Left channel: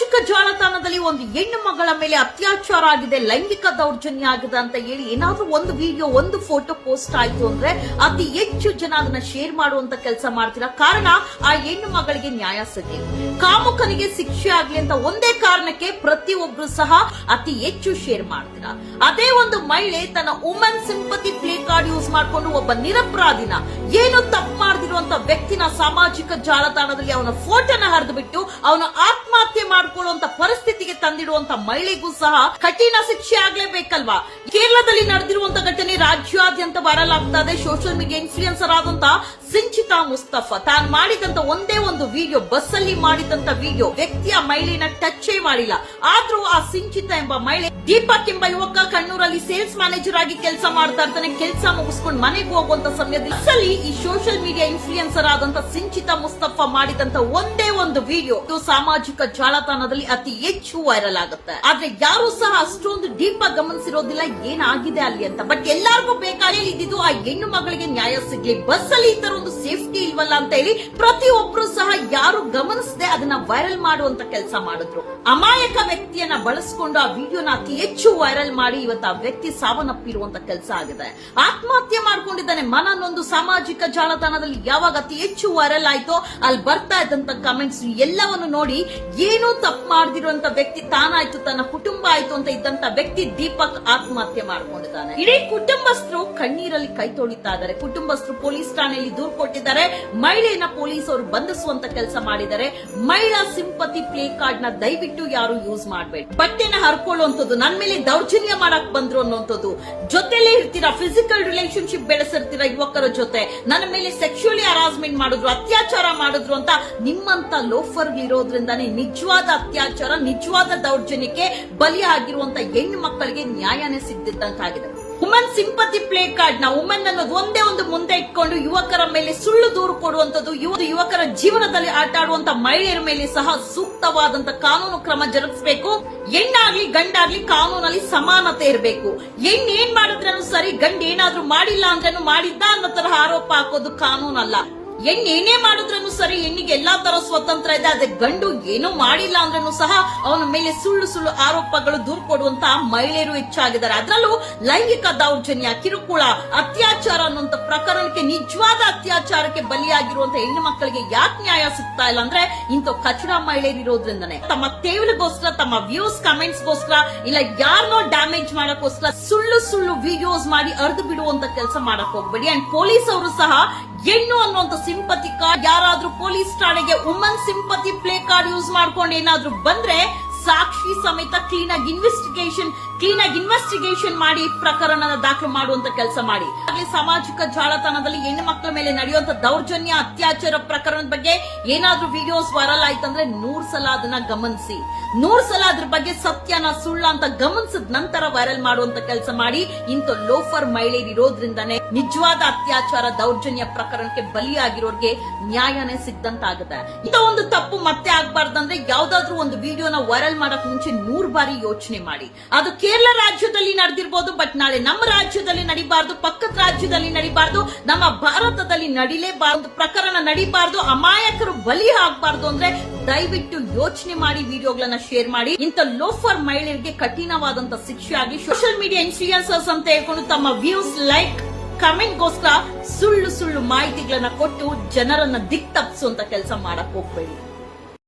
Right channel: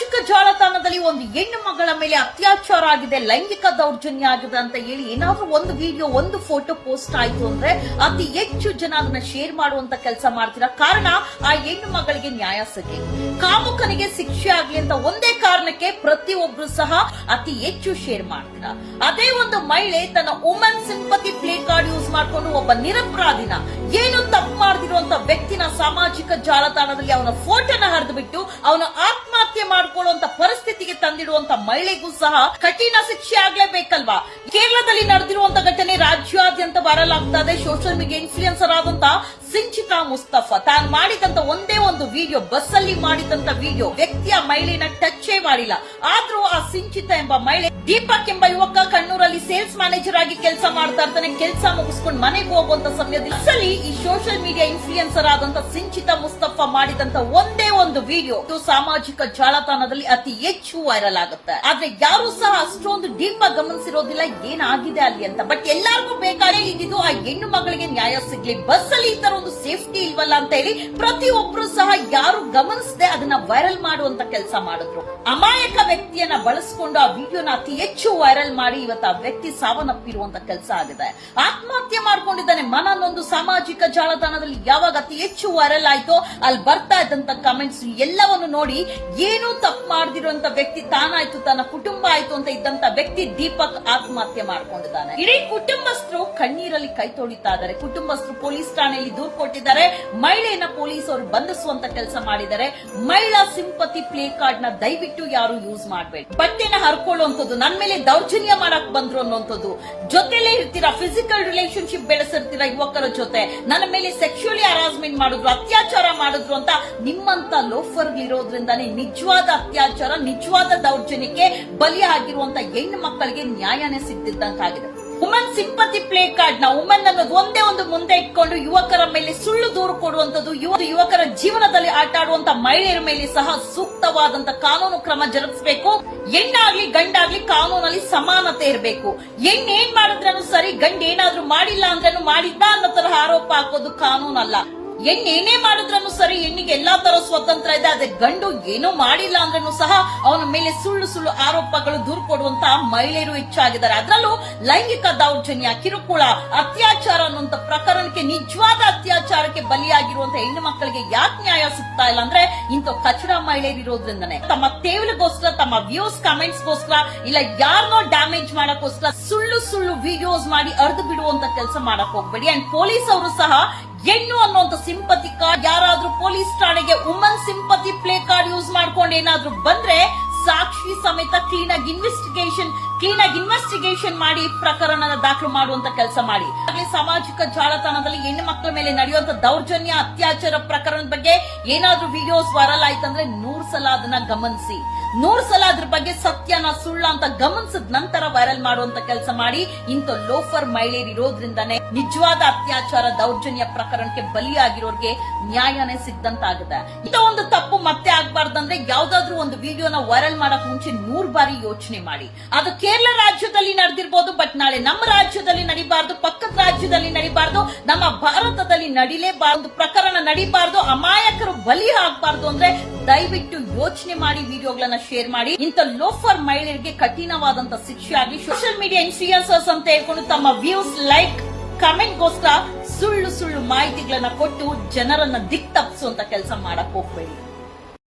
ಸಾಮಾಜಿಕ ಜಾಲತಾಣದಲ್ಲಿ ಒಂದು ಹೆಣ್ಣು ಮಗಳ ಮೇಲೆ ಅತ್ಯಾಚಾರ ಆಗಿದೆ, ಲೈಂಗಿಕ ದೌರ್ಜನ್ಯ ಆಗಿದೆ ಅಂತ ಹೇಳಿ ಏನಾದ್ರೂ ಒಂದು ವಿಡಿಯೋ, ಒಂದು ಫೋಟೋ ಪೋಸ್ಟ್ ಆಯ್ತು ಅಂದ್ರೆ ಅತಿ ಹೆಚ್ಚು ಜನ ಅದನ್ನ ಶೇರ್ ಮಾಡುವಂತ ಕೆಲಸ ಮಾಡ್ತೀರಾ. ಕಾರಣ ಆ ಹೆಣ್ಣು ಮಗಳಿಗೆ ನ್ಯಾಯ ಸಿಗಲಿ, ಕಾಮುಕನಿಗೆ ಶಿಕ್ಷೆ ಆಗ್ಲಿ ಅಂತ ಒಂದೇ ಕಾರಣಕ್ಕೆ ಪ್ರತಿಯೊಬ್ರು ಸಹ ಅತಿ ಹೆಚ್ಚು ಶೇರ್ ಮಾಡ್ತೀರಾ. ಅದೇ ಒಂದು ಮಹಿಳೆ ತನ್ನ women sympathy play card use ಮಾಡ್ಕೊಂಡು ಒಬ್ಬ ನಿರಪರಾಧಿನ, ಏನು ತಪ್ಪು ಮಾಡದಿರುವಂತ ವ್ಯಕ್ತಿನ ಸಾಮಾಜಿಕ ಜಾಲತಾಣದಲ್ಲಿ ಅವನ ಫೋಟೋನ ಹರಿದು ಬಿಟ್ಟು ಅವನ ಆತ್ಮಹತ್ಯೆ ಮಾಡಿಕೊಳ್ಳುವಂತ ಪರಿಸ್ಥಿತಿಗೆ ತಂದಿಡುವಂತ ಮಹಿಳೆಗೂ ಸಹ ಕಠಿಣ ಶಿಕ್ಷೆ ಆಗ್ಲೇಬೇಕಲ್ವಾ. ಕೇರಳದಲ್ಲಿ ನಡೆದಿರುವಂತ ಘಟನೆ ರಾಜ್ಯಾದ್ಯಂತ ವೈರಲ್ ಆಗ್ತಾ ಇದೆ. ಸೋಷಿಯಲ್ ಮೀಡಿಯಾ ಇನ್ಫ್ಲೂಯೆನ್ಸರ್ ಆದಂತ ಸಿಂಚಿತಾ ಮುಸ್ತಫಾ ತಾನು ಮಾಡಿದಂತ ಒಂದೇ ಒಂದು ವಿಡಿಯೋ, ಬಸ್ ಅಲ್ಲಿ ಮಾಡಿದಂತ ವಿಡಿಯೋ ವ್ಯಕ್ತಿಯ ಮಹಿಳೆನ ಟಚ್ ಮಾಡಿಲ್ಲ. ಆದ್ರೂ ಆ ಸಿಂಚಿತಾ ಎಂಬ ಮಹಿಳೆ, ದೀಪಕ್ ಎಂಬ ಯುವಕ ಕಣ್ಣೂರಲ್ಲಿ ಸೇಲ್ಸ್ ಮ್ಯಾನೇಜರ್ ಆಗಿ ಕೆಲಸ ಮಾಡ್ತಾ ಇರ್ತಾನೆ. ಕೆಲಸ ಮುಗಿಸ್ಕೊಂಡು ಮನೆಗೆ ಹೋಗುವಂತ ಸಮಯದಲ್ಲಿ ಈ ಸೋಷಿಯಲ್ ಮೀಡಿಯಾ ಇನ್ಫ್ಲೂಯೆನ್ಸರ್ ಆದಂತ ಸಿಂಚಿತಾ ಮುಸ್ತಫಾ ಮಾಡಿದಂತ ಒಂದೇ ಒಂದು ವಿಡಿಯೋ ಸಾಮಾಜಿಕ ಜಾಲತಾಣದಲ್ಲಿ ಅತಿ ಹೆಚ್ಚು ವೈರಲ್ ಆಗುತ್ತೆ. ಆದ್ರೆ ಯಾರು ಸಹ ಅಷ್ಟೊಂದು ಡೀಪ್ ಆಗಿ ಗಮನಿಸಿರೋದಿಲ್ಲ ಏನಾಗಿದೆ ಅಲ್ಲಿ ಅಂತ. ಬಟ್ ಎಲ್ಲರಿಗೂ ಬೇಕಾದ್ರೆ ಇದ್ದು ಆ ಹೆಣ್ಣು ಮಗಳಿಗೆ ನ್ಯಾಯ ಸಿಗ್ಲಿ, ಬಸ್ ಅಲ್ಲಿ ಈ ತರ ಒಂದು ಸೇಫ್ಟಿ ಇಲ್ವಲ್ಲ ಅಂತ ಹೇಳಿ ಪ್ರತಿಯೊಬ್ರು ಸಹ ಯಾರು ಗಮನಿಸದೆ ಅದನ್ನ ವೈರಲ್ ಮಾಡುವಂತ ಕೆಲಸ ಮಾಡಿದ್ರು. ಅಮಾಯಕ ವ್ಯಕ್ತಿಯನ್ನ ಬಳಸಿಕೊಂಡು ಆ ವಿಡಿಯೋನ ಅತಿ ಹೆಚ್ಚು ವೈರಲ್ ಮಾಡಿ ಇವತ್ತು ಆ ವ್ಯಕ್ತಿ ಸಾವನ್ನಪ್ಪಿರುವಂತ ಕೆಲಸ ಆಗಿದೆ. ಆತ್ಮಹತ್ಯೆ ಮಾಡ್ಕೊಂಡಿದ್ದಾನೆ. ಮನನೊಂದು ಸಾಮಾಜಿಕ ಜಾಲತಾಣದಲ್ಲಿ ಯಾವಾಗ ಅತಿ ಹೆಚ್ಚು ವೈರಲ್ ಆಯ್ತೋ ಅಲ್ಲಿ ಬರ್ತಾ ಇದ್ದಂತ ಕಮೆಂಟ್ಸ್ ಎಲ್ಲವನ್ನು ನೋಡಿ ಏನು ತಪ್ಪು ಮಾಡದಿರುವಂತ ವ್ಯಕ್ತಿ ತಾನಾಯ್ತು, ತನ್ನ ಕುಟುಂಬ ಆಯ್ತು ಅಂತ ಇದ್ದಂತ ವ್ಯಕ್ತಿ ದೀಪಕ್ ಆತ್ಮಹತ್ಯೆ ಮಾಡ್ಕೊಂಡಿದ್ದಾನೆ. ಇಡೀ ಕುಟುಂಬಸ್ಥರು ಕಣ್ಣೀರಲ್ಲಿ ಕೈ ತೊಳಿತಾ ಇದ್ದಾರೆ. ಕುಟುಂಬಸ್ಥರು ಪೊಲೀಸ್ ಠಾಣೆಯಲ್ಲಿ ದೂರು ಕೊಟ್ಟಿದ್ದಾರೆ. ಮಹಿಳೆಯನ್ನ ಪೊಲೀಸ್ ಅವರು ಬಂಧಿಸುವಂತ ಕೆಲಸ ಮಾಡಿದ್ದಾರೆ. ಮಹಿಳಾ ಸಿಂಪತಿ ಪ್ಲೇ ಕಾರ್ಡ್ ನ ದಯವಿಟ್ಟು ಯಾರು ಯೂಸ್ ಮಾಡಬೇಡಿ. ಬಟ್ಟೆನ ಹರ್ಕೊಳ್ಳುವಂಥದ್ದು, ನನ್ನ ಮೇಲೆ ದೌರ್ಜನ್ಯ ಮಾಡಕ್ ಬಂದ್ರು ಅನ್ನುವಂಥದ್ದು, ಜೊತೆಲೇ ಇರ್ತೀರಾ, ಫಿಸಿಕಲ್ ರಿಲೇಶನ್ಶಿಪ್ ಬೆಳೆಸಿರ್ತೀರಾ ಯುವಕರ ಜೊತೆ, ನನ್ನ ಮೇಲೆ ಸೆಕ್ಸುವಲಿ ಹರಾಸ್ಮೆಂಟ್ ಮಾಡಿದ್ರು, ಅತ್ಯಾಚಾರ ಮಾಡಿದ್ರು ಅಂತ ನಿಮ್ಮಂತ ಲೋಫರ್ ಇರೋದ್ರಿಂದಾನೇ ನಿಜವಾದ ಅತ್ಯಾಚಾರ, ನಿಜವಾದ ದೌರ್ಜನ್ಯಕ್ಕೆ ಬಲಿಯಾಗಿರುವಂತ ಹೆಣ್ಣು ಮಕ್ಕಳಿಗೆ ನ್ಯಾಯನೇ ಸಿಗ್ತಿದ್ದಂತಾಗಿದೆ. ವುಮೆನ್ ಸಿಂಪತಿ ಪ್ಲೇ ಕಾರ್ಡ್ ನ ವುಮೆನ್ ಅನ್ನೋದು ಒಂದೇ ಒಂದು ಮುಂದೆ ಇಟ್ಕೊಂಡು ಯುವಕರ ಮೇಲೆ ಸುಳ್ಳು ದೂರು ಕೊಡುವಂತದ್ದು, ಯುವಕರ ಜೀವನದಲ್ಲಿ ಆಟ ಆಡುವಂತ ಮಹಿಳೆಯರ ಮೇಲೆ ಸಹ ಸೂಕ್ತವಾದಂತ ಕಾನೂನು ಕ್ರಮ ಜರುಗಿಸಬೇಕು. ಹೆಣ್ಣಾಗ್ಲಿ ಗಂಡಾಗ್ಲಿ ಕಾನೂನಲ್ಲಿ ಸಮಾನತೆ ಇರಬೇಕು. ಹೆಣ್ಣು ಏನ್ ಮಾಡಿದ್ರೂ ಸರಿ, ಗಂಡ ಏನಾದ್ರೂ ಮಾಡಿಲ್ಲ ಅಂದ್ರೂ ಮಾಡಿದ್ದ ಅನ್ನೋ ತರಹ ಆರೋಪ ಹಾಕೋದು ಕಾನೂನಲ್ಲ. ಹೆಣ್ಣು ಏನೇ ಮಾಡಿದ್ರೂ ಸರಿ, ಹೆಣ್ಣಿಗೆ ಎಲ್ಲಾ ತರ ಸ್ವತಂತ್ರ ಇದೆ. ಅದೇ ಗಂಡು ಏನೋ ಮಾಡಿಲ್ಲ ಅಂದ್ರೂ ಸಹ ಅವನ ಮೇಲೆ ಸುಳ್ಳು ಸುಳ್ಳು ಆರೋಪಗಳು ದೂರು ಕೊಡುವಂತಹ ಮಹಿಳೆಯರು ಹೆಚ್ಚಾಗಿದ್ದಾರೆ. ಅದರಲ್ಲೂ ಲೈಂಗಿಕ ದೌರ್ಜನ್ಯ, ಕಿರುಕುಳ, ಅತ್ಯಾಚಾರ ಅನ್ನುವಂತ ಪ್ರಕರಣಕ್ಕೆ, ನಿಜವಾದ ಅತ್ಯಾಚಾರಕ್ಕೆ ಬಲಿಯಾಗಿರುವಂತ ಹೆಣ್ಣು ಮಕ್ಕಳಿಗೆ ಯಾಕೆ ನ್ಯಾಯ ಸಿಗ್ತಾ ಇಲ್ಲ ಅಂದ್ರೆ ಇಂಥ ಕಚಡ ಮಹಿಳೆಯರು ಇರೋದ್ರಿಂದನೇ. ತಮ್ಮ ತೇವಲಿಗೋಸ್ಕರ, ತಮ್ಮ ವ್ಯೂಸ್ ಕಮೆಂಟ್ಸ್ ಗೋಸ್ಕರ, ಇಲ್ಲ ಯಾರನ್ನೋ ಡ್ಯಾಮೇಜ್ ಮಾಡಕ್ಕೋಸ್ಕರ ಸುಳ್ಳು ಸುಳ್ಳು ವಿಡಿಯೋಸ್ ಮಾಡಿ ಅರ್ದು ಬಿಡುವಂತ ಕೆಲಸ ಮಾಡಕ್ ಹೋಗ್ಬೇಡಿ. ಅಂಡ್ ಪೊಲೀಸ್ ಅವರು ಸಹ ಹೆಣ್ಣು ಅನ್ನುವಂತ ಸಿಂಪತಿ ಕಾರ್ಡ್, ಯಾರಾದ್ರೂ ಪೊಲೀಸ್ ಠಾಣೆಗೆ women sympathy play card use ಮಾಡ್ಕೊಂಡು ಏನಾದ್ರೂ ಬಂದ್ರೆ ಸಾಕ್ಷಿ ಸಮೇತ ಕ್ಲೀನ್ ಆಗಿ ಇನ್ವೆಸ್ಟಿಗೇಷನ್ ಮಾಡಿ ಪ್ರಕರಣನ ದಾಖಲು ಮಾಡುವಂತ ಕೆಲಸ ಮಾಡಿ. ಸಾಮಾಜಿಕ ಜಾಲತಾಣದಲ್ಲಿ ಹೆಣ್ಣು ಮಕ್ಕಳ ಮೇಲೆ ನಡೆಯುವಂತ ದೌರ್ಜನ್ಯ, ಅತ್ಯಾಚಾರ ಪ್ರಕರಣದ ಬಗ್ಗೆ ಏನಾದ್ರೂ ವಿಡಿಯೋಸ್ ವೈರಲ್ ಆಯ್ತಂದ್ರೆ 100 ಸಲ ಅದನ್ನ ಗಮನಿಸಿ, 100 ಸಲ ಅದ್ರ ಬಗ್ಗೆ ಸತ್ಯನ ಸುಳ್ಳ ಅಂತ ಗಮನಿಸಿದ ನಂತರ ವೈರಲ್ ಮಾಡುವಂತ ಕೆಲಸ ಮಾಡಿ. ಇಂಥ ಲೋಫರ್ ಮಹಿಳೆಯರು ಇರೋದ್ರಿಂದಾನೇ ನಿಜವಾದ ಅತ್ಯಾಚಾರ, ದೌರ್ಜನ್ಯ ಪ್ರಕರಣಕ್ಕೆ ಬಲಿಯಾಗಿರೋರಿಗೆ ನ್ಯಾಯನೇ ಸಿಗ್ದಂತಾಗುತ್ತೆ. ಇಂಥ ಒಂದು ತಪ್ಪು ಮತ್ತೆ ಆಗ್ಬಾರ್ದಂದ್ರೆ ಯಾವ್ದಾದ್ರು ಒಂದು ವಿಡಿಯೋನ ವೈರಲ್ ಮಾಡಕ್ ಮುಂಚೆ 100 ಬಾರಿ ಯೋಚನೆ ಮಾಡಿ. ಅದು ಕೇರಳ ರಾಜ್ಯದಲ್ಲಿ ನಡೆದಿರಬಹುದು, ಬಟ್ ನಾಳೆ ನಮ್ಮ ರಾಜ್ಯದಲ್ಲಿ ನಡಿಬಾರ್ದು, ಪಕ್ಕದ ರಾಜ್ಯದಲ್ಲಿ ನಡಿಬಾರ್ದು, ನಮ್ಮ ಭಾರತದಲ್ಲಿ ನಡಿಲೇಬಾರ್ದು, ಪ್ರಕರಣ ನಡಿಬಾರ್ದು, ಅಮಾಯಕರು ಬಲಿ ಆಗ್ಬಾರ್ದು ಅಂದ್ರೆ ದಯವಿಟ್ಟು ಯೋಚನೆ ಮಾಡಿ ವಿಡಿಯೋಗಳನ್ನ ಶೇರ್ ಮಾಡಿ. ಇಂಥ ಲೋಫರ್ ಮಹಿಳೆಯರಿಗೆ ಕಠಿಣವಾದಂತ ಶಿಕ್ಷೆ ಆಗಿ. ಸೋಷಿಯಲ್ ಮೀಡಿಯಾ ಇನ್ಫ್ಲೂಯೆನ್ಸರ್ಸ್ ಅಂತ ಹೇಳ್ಕೊಂಡು ತಮ್ಮ ವ್ಯೂಸ್, ಲೈಕ್, ಕಮೆಂಟ್ ಗೋಸ್ಕರ ಸುಳ್ಳು ಸುಳ್ಳು ಮಾಹಿತಿಗಳನ್ನ ಕೊಟ್ಟು ಜನರನ್ನ ದಿಕ್ ತಪ್ಪಿಸುವಂತ ಕೆಲಸ ಮಾಡಕ್ ಹೋಗ್ಬೇಡಿ.